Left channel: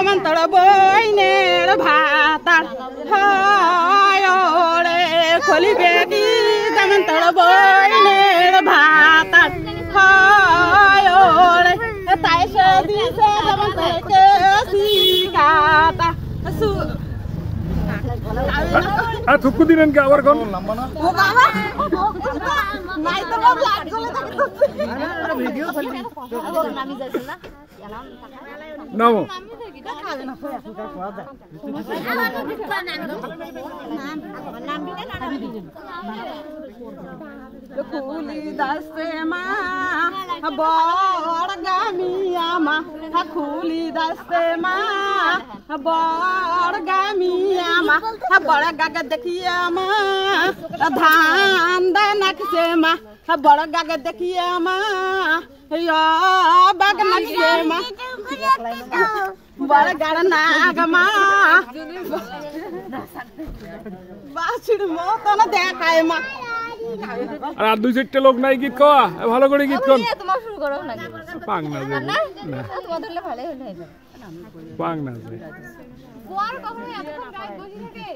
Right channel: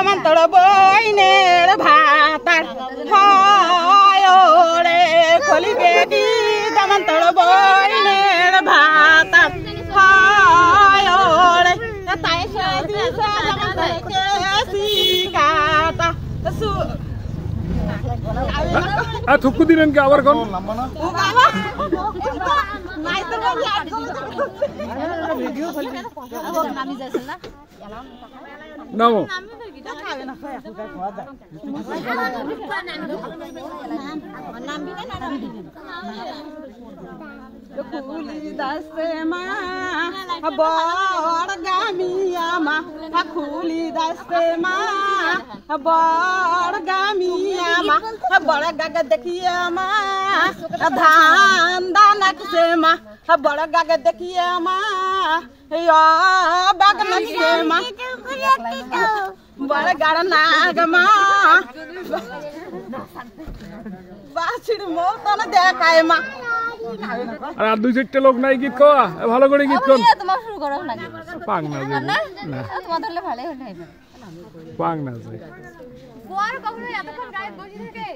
দামন্তর বইনের ভাতার হায় রে খলি বেগি দামন্তর বইনের ভাতার হায় রে তাই সে দিছে দামন্তরকে শিকাতা থুকু দিলেন কি আবার কোন নামো খুলি দাসে মা বড় গামিয়া মা খুলি দাসে মা বড় গামিয়া মা বড় গাগা দেখিয়া মা ধান দানা কিসে মা বড় গাগা দেখিয়া মা বাগ নাকিসে মা বড় গাড় নাগ মা বাছির মতন দেখায় মা আর দুই চারটে লোক নাই গীত কওয়া ভালো করে গীত কোন তোমার শুরু করো না পাং না না তোমার ধরলে ভালোই হলো পাং না যায় কোয়ার কখনো এতক্ষণ গায়ে বসে থাকে